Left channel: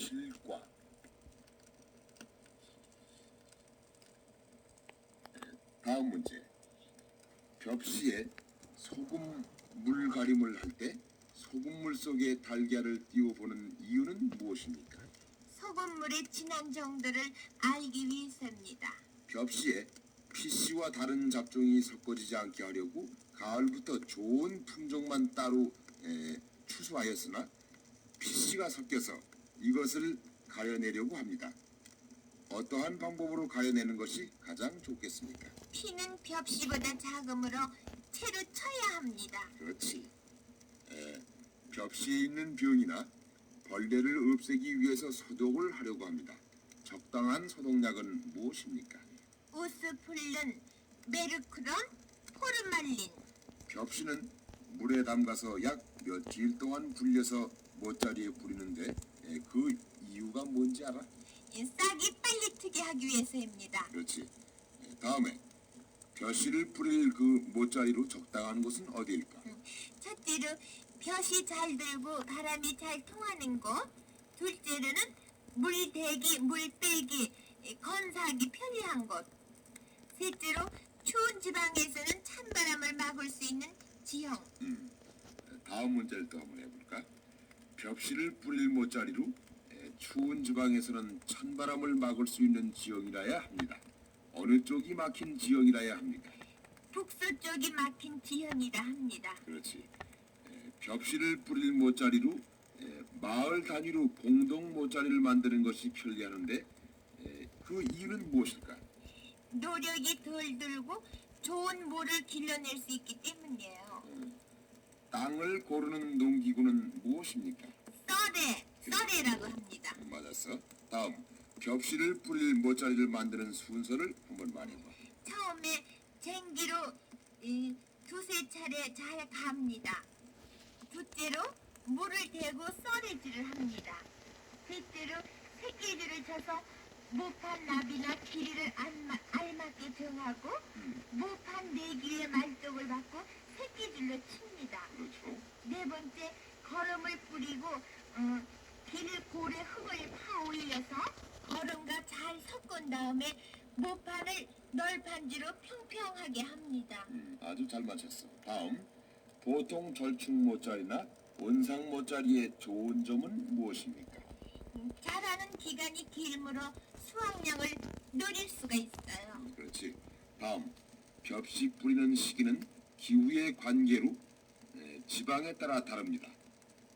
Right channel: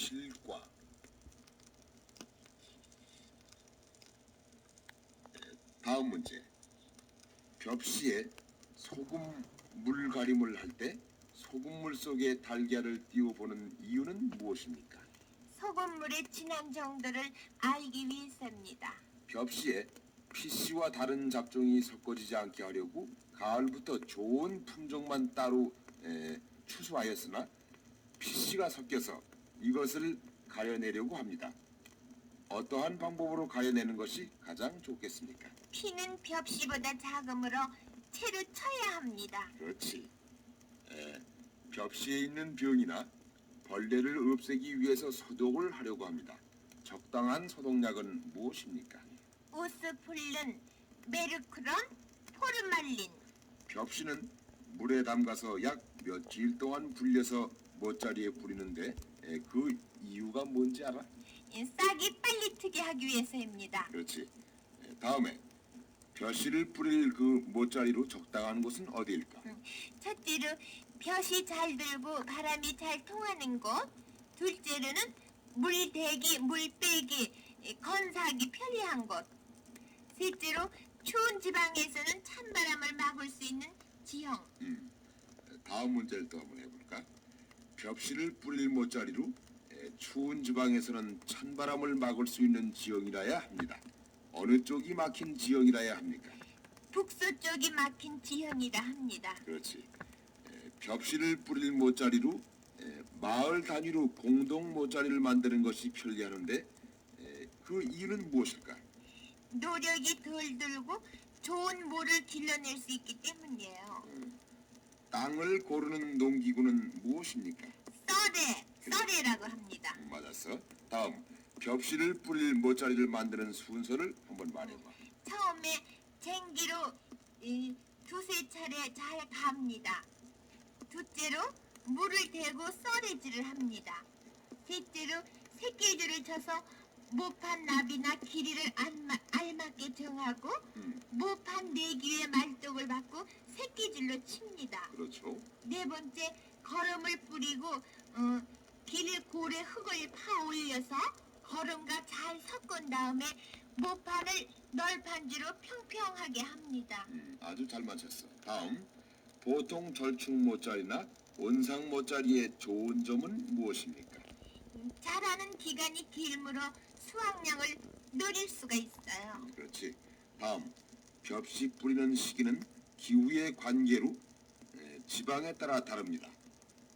실과. 다음 문제. 벽시에 소금 물가림을 할 때 소금물 속에 달걀을 띄워보는 이유는 무엇입니까? 소금물의 진한 정도를 알기 위해서입니다. 벽시에 피씨와 다른 잡종이 섞어지지 않게 하려고 가을부터 좋은 품종만 따로 추수하였으나 피씨가 섞여서 이것을 가려내려고 합니다. 어떠한 방법으로 가려내는 것이 가장 좋겠습니까? 피는 벽시보다 작으므로 채로 쳐야 합니다. 그렇지. 벽시에 있는 병이나 벌레를 없애기 위해서 소독을 하려고 합니다. 적당한 소독약은 무엇입니까? 우스플른, 메르크론, 포르말린. 벽시는 물에 담가서 약 며칠 동안 불려서 못자리에 뿌리는데 그 이유가 뭔지 알아? 싹이 빨리 트게 하기 위해서입니다. 그렇지. 다음에 벽시를 뿌릴 그 못자리로 적당한 곳은 어디일까? 첫째로 볕이 잘 들고 바람이 잘 통하는 곳. 둘째로는 물 대기, 물 빼기, 건사하기 편리한 곳. 셋째로 추운 지방에서는 찬바람을 막을 수 있는 지형. 다음 문제를 또 한번 해볼까? 벽시를 뿌릴 못자리로 추운 지방에서는 찬바람을 막을 수 있는 지형이라야 합니다. 어느 쪽이 막힌 지형이라야 합니까? 북서쪽이 막힌 지형이라 합니다. 그렇지. 벽시를 뿌릴 못자리로 마을 단위로 공동 못자리를 만드는 것이 편리하는데 그 이유는 무엇일까? 노력이 덜 들고 좋은 물을 길러낼 수 있기 때문이에요. 땅을 고르는 농기구는 무엇입니까? 썰애라고 합니다. 맞았어. 다음, 벽시를 뿌릴 못자리를 만드는 순서를 한번 말해봐. 처음에 쟁기로 두세 차례 잘 갑니다. 둘째로 물을 대고 썰애질을 합니다. 셋째로 새끼줄을 쳐서 모판 나비나 길이를 알맞게 정하고 모판 내기에 말뚝을 받고 새끼줄로 칩니다. 그렇죠. 네 번째, 거름을 뿌리고 길 고래 흙을 파 올려서 거름과 잘 섞은 다음에 모판을 널판지로 평평하게 합니다. 아주 잘 맞췄어. 다음, 보통 절충 못자리나 원상 못자리의 좋은 점은 무엇입니까? 자라는 기간이 길므로 수확량을 늘릴 수가 있어요. 그렇지. 다음, 벽시 뿌리는 시기는 기후의 관계로 지방에 따라 다릅니다.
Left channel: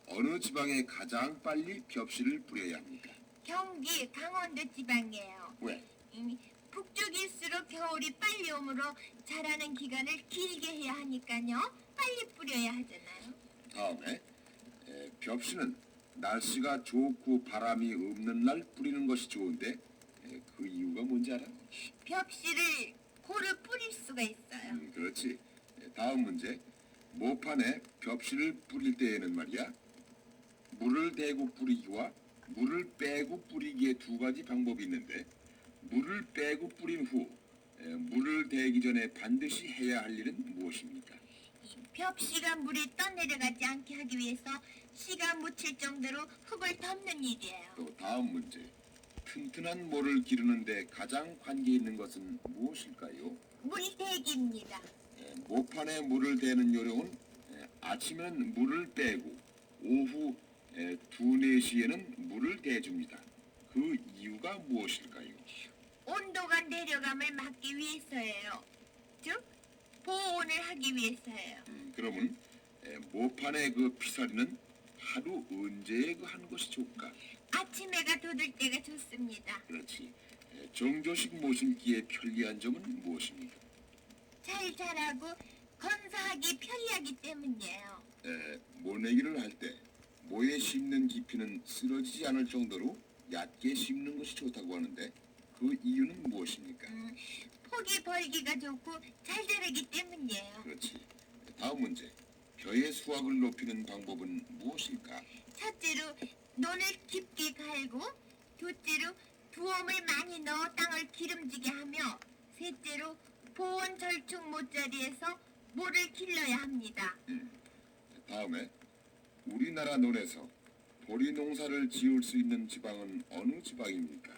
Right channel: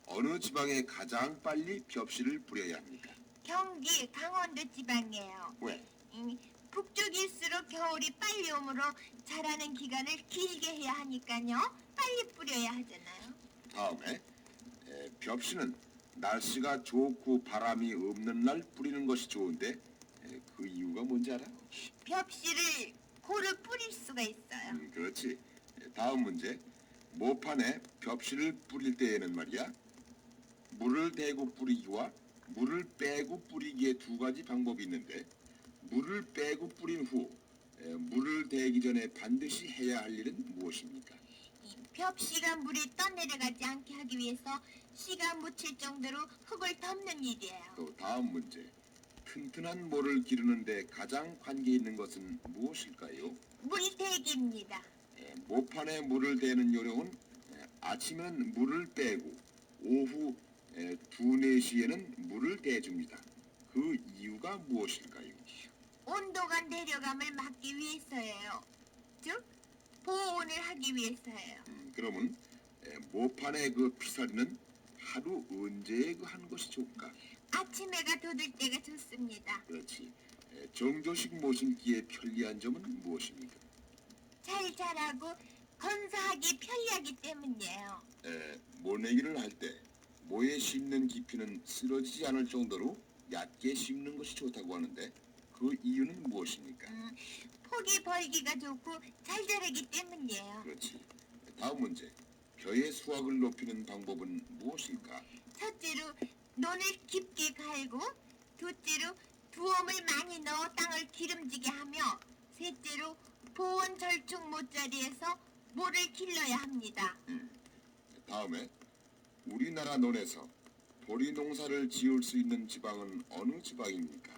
어느 지방에 가장 빨리 벽시를 뿌려야 합니까? 경기, 강원도 지방이에요. 왜? 북쪽일수록 겨울이 빨리 오므로 자라는 기간을 길게 해야 하니까요. 빨리 뿌려야 하잖아요. 다음에 벽시는 날씨가 좋고 바람이 없는 날 뿌리는 것이 좋은데 그 이유가 뭔지 알아? 벽시를 고루 뿌릴 수가 있어요. 그렇지. 다음 문제. 모판에 벽시를 뿌릴 때에는 말이야. 물을 대고 뿌리기와 물을 빼고 뿌리기의 두 가지 방법이 있는데 물을 빼고 뿌린 후 물을 대기 전에 반드시 해야 할 일은 무엇입니까? 벽시가 물에 떠내려가지 않게 하기 위해서 씨가 묻힐 정도로 흙을 덮는 일이에요. 또 다음 문제. 튼튼한 모를 기르는데 가장 관계 있는 것은 무엇일까요? 물대기입니다. 모판에 물을 대는 요령은 아침에는 물을 빼고 오후 2-4시에는 물을 대줍니다. 그 이유가 무엇일까요? 온도가 내려감을 막기 위해서예요. 즉, 보온을 하기 위해서예요. 그러면 모판의 그 피서리는 하루 언제 하는 것이 좋을까? 아침 해가 돋을 때가 좋습니다. 그렇지. 정조식 모실기의 편리한 점은 무엇입니까? 잘 자라고 건사하기 편리하기 때문이에요. 모내기를 할 때 모에 심는 깊이는 쓰러지지 않을 정도로 얕게 심는 것이 좋다고 하는데 그 이유는 무엇입니까? 폭이 벌기가 좋고 잘 자라기 때문이에요. 그렇지. 다음 문제. 벼의 수확을 높이는 방법은 무엇일까? 첫째로 논을 깊게 갈고, 둘째로 두엄을 많이 넣어 땅을 기름지게 하며, 셋째로 보온 절충 못자리에서 모를 길러야 합니다. 다음에 우리나라 논에서 보리 농사를 지을 수 있는 지방은 어느 지방입니까?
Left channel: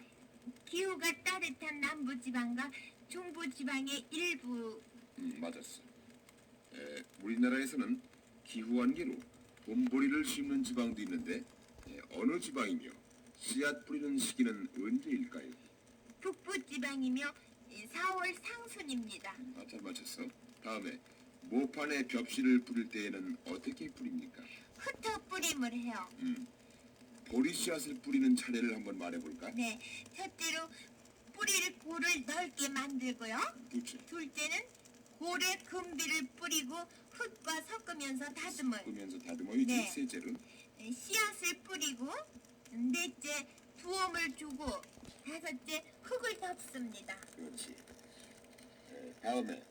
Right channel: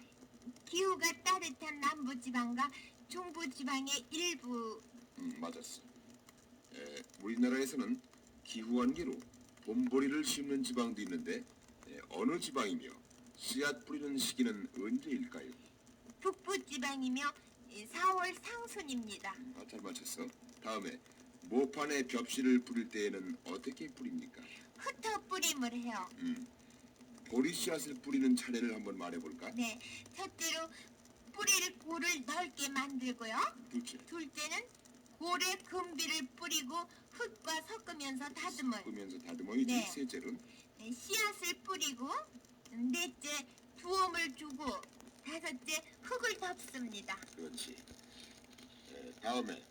기후가 따뜻한 남부지방과 중부지방의 일부. 맞았어. 우리나라에서는 기후 한계로 봄보리를 심는 지방도 있는데 어느 지방이며 씨앗 뿌리는 시기는 언제일까요? 북부지방이며 4월 상순입니다. 잘 맞췄어. 다음에 모판에 벽실을 뿌릴 때에는 어떻게 뿌립니까? 흩어 뿌림을 해요. 보리 씨앗을 뿌리는 차례를 한번 말해볼까? 네, 첫째로 뿌릴 골을 넓게 만들고요. 둘째는 골에 금비를 뿌리고 흙과 섞으면서 다듬어요. 섞으면서 다듬어야지. 네. 셋째는 씨앗을 뿌리고, 넷째 두엄을 주고, 다섯째 흙을 덮습니다. 그렇지. 다음에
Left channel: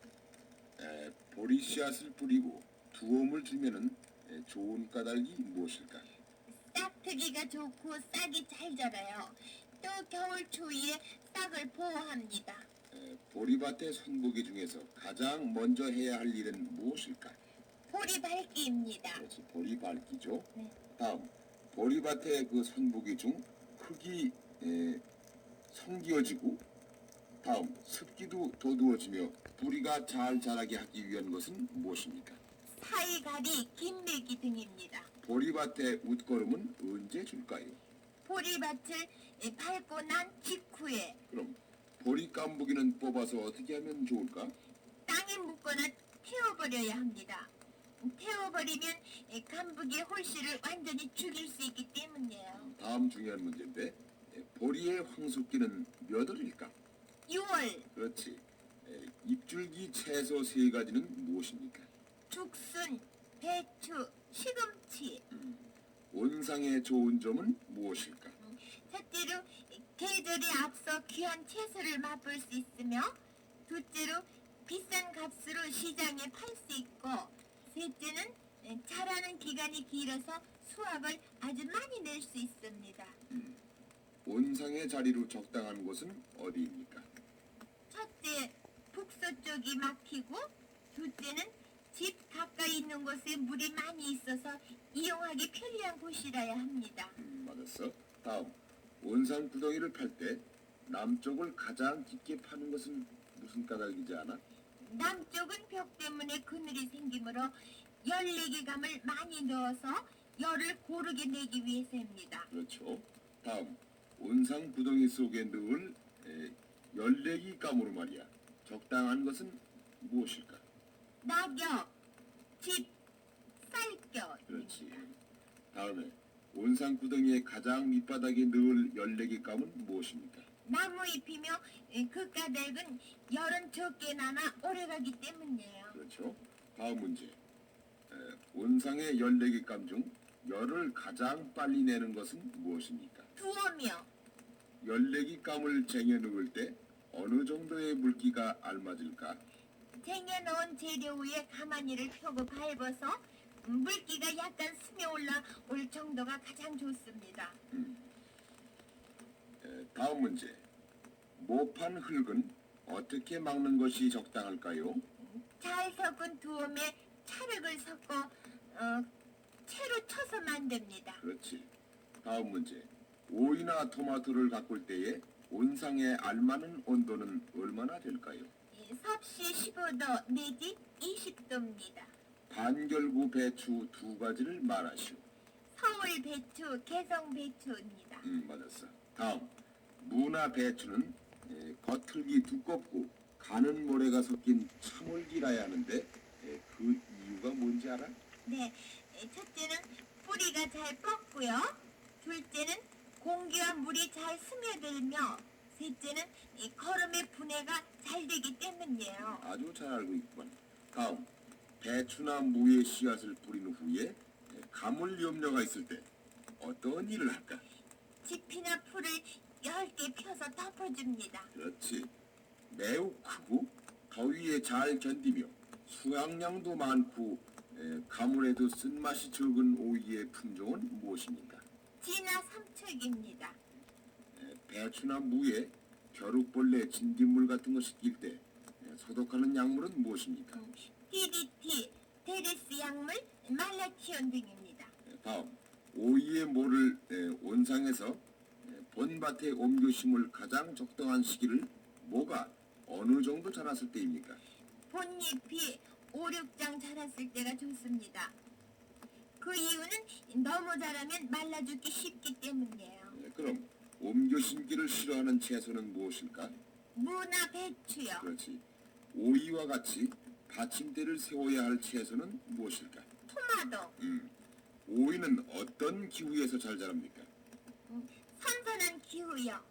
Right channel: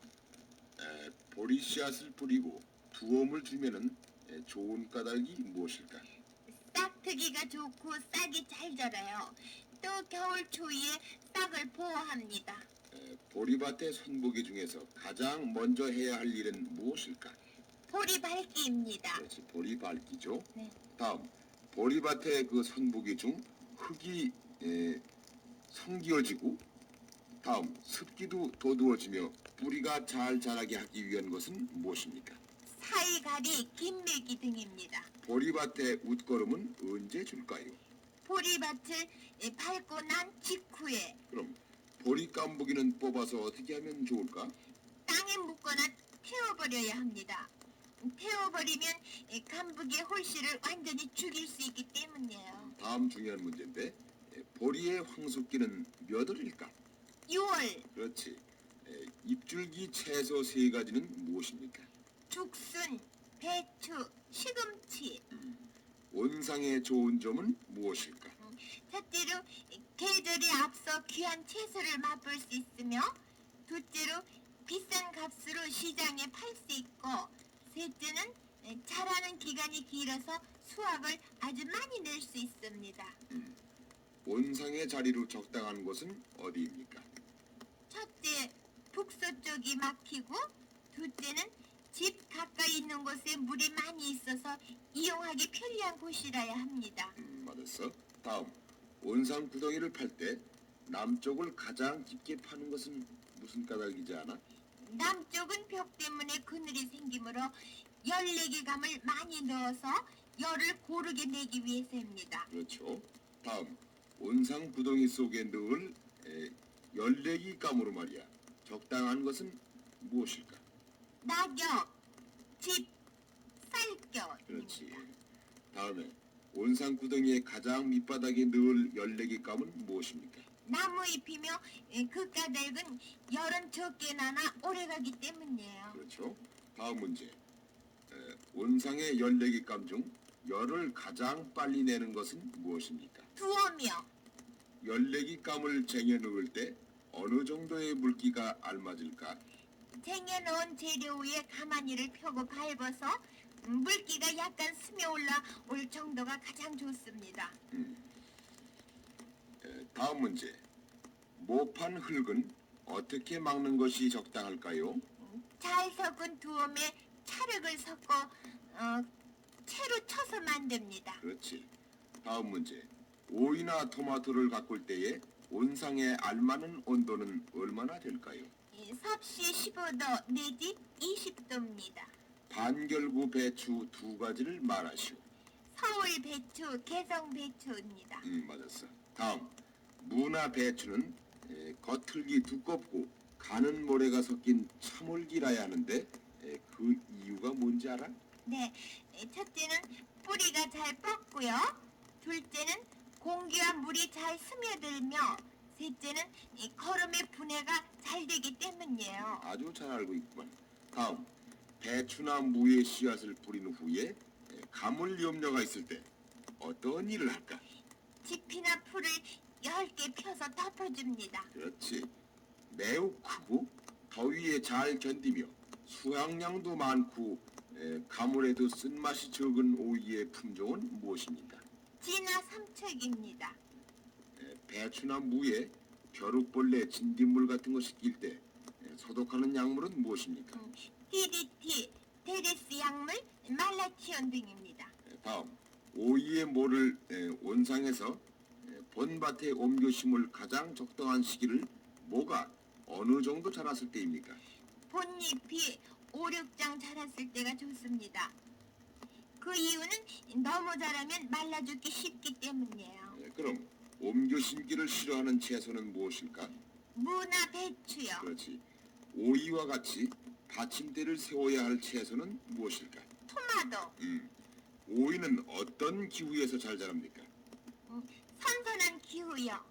보리 씨앗을 뿌리고 두엄을 주면은 좋은 까닭이 무엇일까? 싹트기가 좋고 싹이 잘 자라요. 또 겨울 추위에 싹을 보호합니다. 보리밭의 손보기 중에서 가장 먼저 해야 할 일은 무엇일까? 보리 밟기입니다. 그렇지, 보리 밟기죠. 네. 다음, 보리밭의 그 손보기 중 흙이 성기어지고, 다음 습기도 돋우어지며 뿌리가 잘 자라게 하기 위한 것은 무엇입니까? 사이가리, 김매기 등입니다. 보리밭의 웃거름은 언제 줄까요? 보리밭을 밟고 난 직후에 그럼 보리 깐부기는 뽑아서 어떻게 하면 좋을까? 땅에 묻거나 태워버려야 합니다. 태워버리면 간부기의 홀씨를 완전히 죽일 수 있기 때문이에요. 다음 중요한 문제인데 보리의 황숙기는 몇 월일까? 6월 그렇지. 잎줄기 채소 세 가지는 무엇입니까? 죽순, 배추, 시금치. 원상의 좋은 점은 무엇일까? 첫째로 계절에 앞서 귀한 채소를 맛볼 수 있으며, 둘째로 비싼 값으로 시장에 팔 수 있고, 셋째는 자라는 기간이 길어서 수확을 아주 많이 낼 수 있습니다. 원상의 자리로 적당한 곳은 어디입니까? 첫째, 북서쪽이 막히고, 둘째는 집 가까이 있는 곳에 물이 많이 있어서 이용하기 편리한 곳이라야 합니다. 맞았어. 다음, 원상 구덩이를 팔 때 남쪽을 가장 깊게 파는 것은 무슨 까닭이지 않아? 남쪽은 벽 때문에 그늘이 생기므로 열내기감을 많이 넣어서 열을 고르게 내기 위해서입니다. 그렇죠. 다음, 원상 구덩이 속에 넣을 열내기 감으로 말이야. 적당한 것은 무엇일까? 낙엽, 집, 쌀겨. 그렇지. 다음에 원상 구덩이의 가장 밑바닥에 넣을 열내기 감은 무엇입니까? 나무잎이며 그 까닭은 열은 적게 나나 오래가기 때문이에요. 그렇죠. 다음 문제. 원상의 열내기 감 중 열을 가장 빨리 내는 것은 무엇입니까? 두어며 열내기 감을 쟁여 넣을 때 어느 정도의 물기가 알맞을까? 쟁여놓은 재료 위에 가마니를 펴고 밟아서 물기가 약간 스며 올라올 정도가 가장 좋습니다. 다음 문제. 모판 흙은 어떻게 막는 것이 적당할까요? 잘 섞은 두엄에 찰흙을 섞어 채로 쳐서 만듭니다. 그렇지. 다음 문제. 오이나 토마토를 가꿀 때에 온상에 알맞은 온도는 얼마나 될까요? 섭씨 15도 내지 20도입니다. 반결구 배추 두 가지를 말하시오. 서울 배추, 개성 배추입니다. 맞았어. 다음. 무나 배추는 겉흙이 두껍고 가는 모래가 섞인 참홀기라야 하는데 그 이유가 뭔지 알아? 네, 첫째는 뿌리가 잘 뻗고요. 둘째는 공기와 물이 잘 스며들며, 셋째는 거름의 분해가 잘 되기 때문이에요. 아주 잘 알고 있구만. 다음. 배추나 무의 씨앗을 뿌린 후에 가물 염려가 있을 때 어떤 일을 할까? 지피나 풀을 얇게 펴서 덮어줍니다. 그렇지. 매우 크고 더위에 잘 견디며 수확량도 많고 가물에도 쓴맛이 적은 오이의 품종은 무엇입니까? 진화 삼척입니다. 배추나 무에 벼룩벌레, 진딧물 같은 것이 낄 때 소독하는 약물은 무엇입니까? DDT, 데레스 약물, 말라치온 등입니다. 다음. 오이의 모를 온상에서 본밭에 옮겨 심을 가장 적당한 시기를 뭐가 어느 정도 자랐을 때입니까? 본잎이 5, 6장 자랐을 때가 좋습니다. 그 이유는 너무 자라면 말라 죽기 쉽기 때문이에요. 그럼 옮겨 심기를 싫어하는 채소는 무엇일까? 무나 배추요. 그렇지. 오이와 같이 받침대를 세워야 할 채소는 무엇일까? 토마토. 오이는 어떤 기후에서 잘 자랍니까? 선선한 기후요.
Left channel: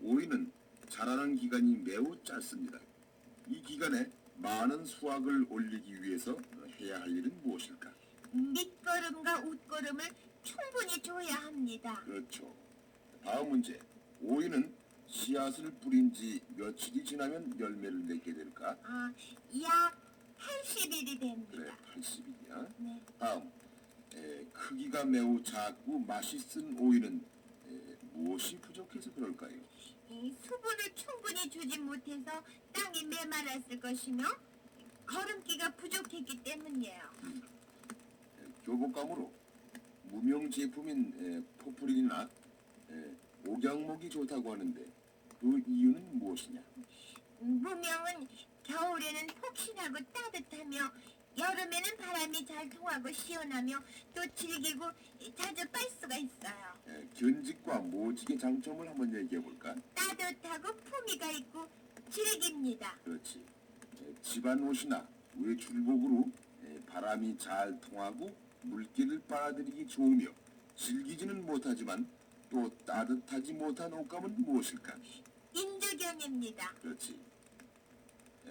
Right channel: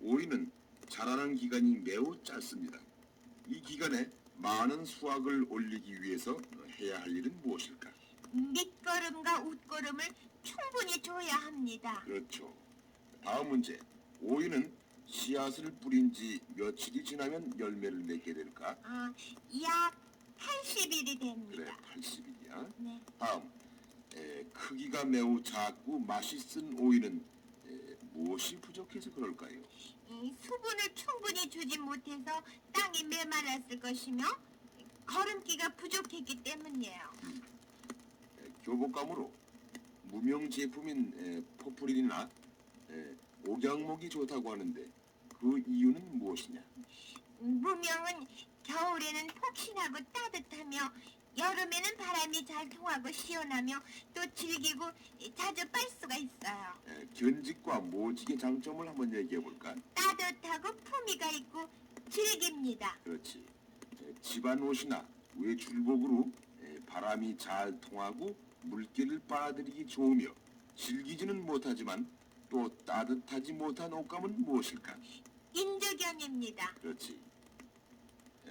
오이는 자라는 기간이 매우 짧습니다. 이 기간에 많은 수확을 올리기 위해서 해야 할 일은 무엇일까? 밑거름과 웃거름을 충분히 줘야 합니다. 그렇죠. 다음 문제. 오이는 씨앗을 뿌린 지 며칠이 지나면 열매를 맺게 될까? 약 80일이 그래, 됩니다. 80일이야. 네. 다음. 크기가 매우 작고 맛이 쓴 오이는 무엇이 부족해서 그럴까요? 수분을 충분히 주지 못해서 땅이 메말랐을 것이며 거름기가 부족했기 때문이에요. 교복감으로 무명 제품인 포프린이나 옥양목이 좋다고 하는데 그 이유는 무엇이냐? 무명은 겨울에는 폭신하고 따뜻하며 여름에는 바람이 잘 통하고 시원하며 또 질기고 자주 빨 수가 있어요. 견직과 모직의 장점을 한번 얘기해 볼까? 따뜻하고 품위가 있고 질깁니다. 그렇지. 집안 옷이나 외출복으로 바람이 잘 통하고 물기를 빨아들이기 좋으며 질기지는 못하지만 또 따뜻하지 못한 옷감은 무엇일까? 인조견입니다. 그렇지.